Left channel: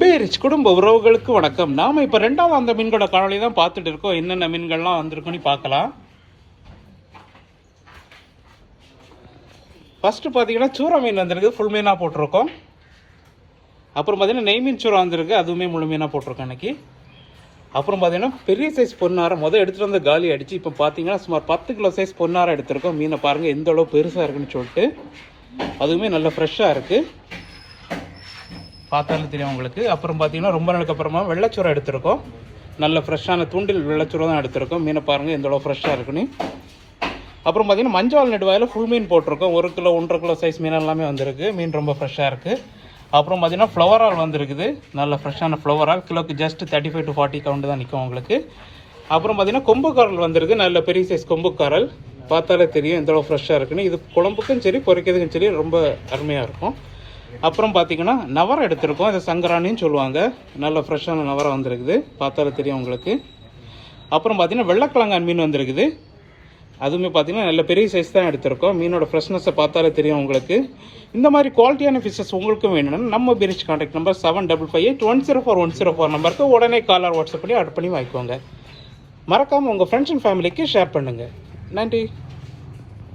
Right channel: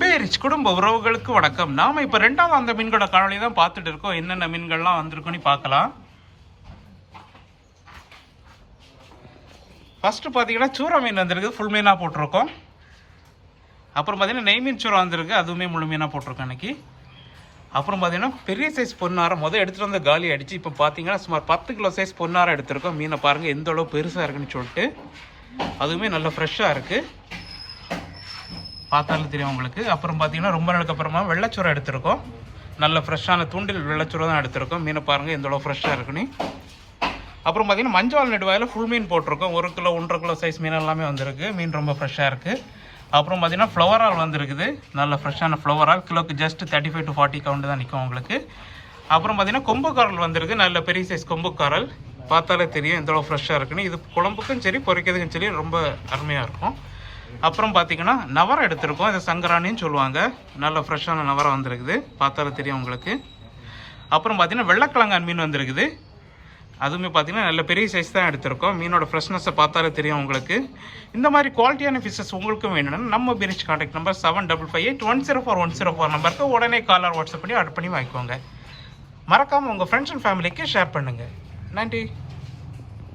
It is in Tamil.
பேரிச் குடும்ப உறவுகளுக்கு வணக்கம். நாம இப்ப ரெண்டாவது அந்த மீன்களோட காணொலி தான் பார்த்துட்டு இருக்கோம். என்னென்ன மீன்கள்லாம் வந்திருக்குன்னு பார்க்கலாம். ஃபர்ஸ்ட் பார்த்தீங்கன்னா சூற மீன் வந்திருக்கு. ஃபுல் மீனாக போட்டிருக்கோம். அப்புறம் பார்த்தீங்கன்னா நெய் மீன் சூறா வந்திருக்கு. அதுவுமே முழு மீனாக போட்டிருக்கோம் இன்னைக்கு. அப்புறம் பார்த்தீங்கன்னா பெரிய சைஸ் பொன்னாரம். முதல் எடுத்துகிட்டு வந்து காலி அடிச்சு இப்போ பார்த்தீங்கன்னா சுமார் பத்து கிலோ சைஸ் பொன்னாரம் எடுத்திருக்கோம். மீனை பாருங்கள் எந்த அளவு பெருசாக இருக்குன்னு சொல்லிட்டு. அதுவுமே நல்லா ஃப்ரெஷ்ஷாக இருக்குது பார்த்தாலும் தெரியும் உங்களுக்கு. அப்புறம் பார்த்தீங்கன்னா ரொம்ப நாளுக்கு அப்புறமா வெள்ளச்சூரை எடுத்திருக்கோம். நல்ல ஃப்ரெஷ்ஷான தூண்டில் வெள்ளச்சூரை தான் எடுத்திருக்கோம். மீனை பாருங்கள் எந்த அளவு ஃப்ரெஷ்ஷாக இருக்குன்னு அப்புறம் பார்த்தீங்கன்னா மஞ்சள் நெடுவாயில் ஃபுல் மீன் போட்டிருக்கோம். ஒரு கிலோ ஒன்றரை கிலோ சைஸ் மீன் எல்லாமே வந்திருக்கு. மீன் ரொம்ப ஃப்ரெஷ்ஷாக இருக்குது அப்புறம் பார்த்தீங்கன்னா ஃப்ளவர் ஆல் வந்திருக்குது. நல்ல ஃப்ரெஷ்ஷான ஃப்ளவர் ஆல். கிலோக்கு just thirty five to forty count தான் நிற்கும் உங்களுக்கு. அப்புறம் பார்த்தீங்கன்னா கொம்பு காரல் வந்திருக்கு. நல்ல பெரிய சைஸ் கொம்பு காரல் பார்த்தாலே தெரியும் எந்த அளவு ஃப்ரெஷ்ஷாக இருக்குன்னு. இது குழம்புக்கும் சரி பொரிக்கிறதுக்கும் சரி ரொம்ப அருமையாக இருக்கும். அப்புறம் பார்த்தீங்கன்னா நவரம் எடுத்திருக்கோம். இது சங்கராணின்னு சொல்லுவாங்க. நல்ல ஃப்ரெஷ்ஷான நவரம் வந்திருக்குது. பார்த்தாலே தெரியும் உங்களுக்கு. அப்புறம் பார்த்தீங்கன்னா வெள்ளக்கிழங்கான் மீன் வந்திருக்குது. அதுவுமே பார்த்தீங்கன்னா நல்ல பெரிய சைஸ் தான் எடுத்திருக்கோம். மீனோட ஃப்ரெஷ்னஸை பார்த்தாலே தெரியும் உங்களுக்கு. இந்த மாதிரி குவாலிட்டியான ஃபிஷஸ் உங்களுக்கும் வேணும்னா நம்ம பிரிச் contact number seven double five eight one zero four one zero four நம்பருக்கு உடனே காலர் வாட்ஸ்அப் பண்ணி ஆர்டர் பண்ணி வாங்கிக்கோங்க. மறக்காமல் உங்கள் ஃப்ரெண்ட்ஸ் அண்ட் ஃபேமிலிக்கு ஷேர் பண்ணுங்கள் நன்றி.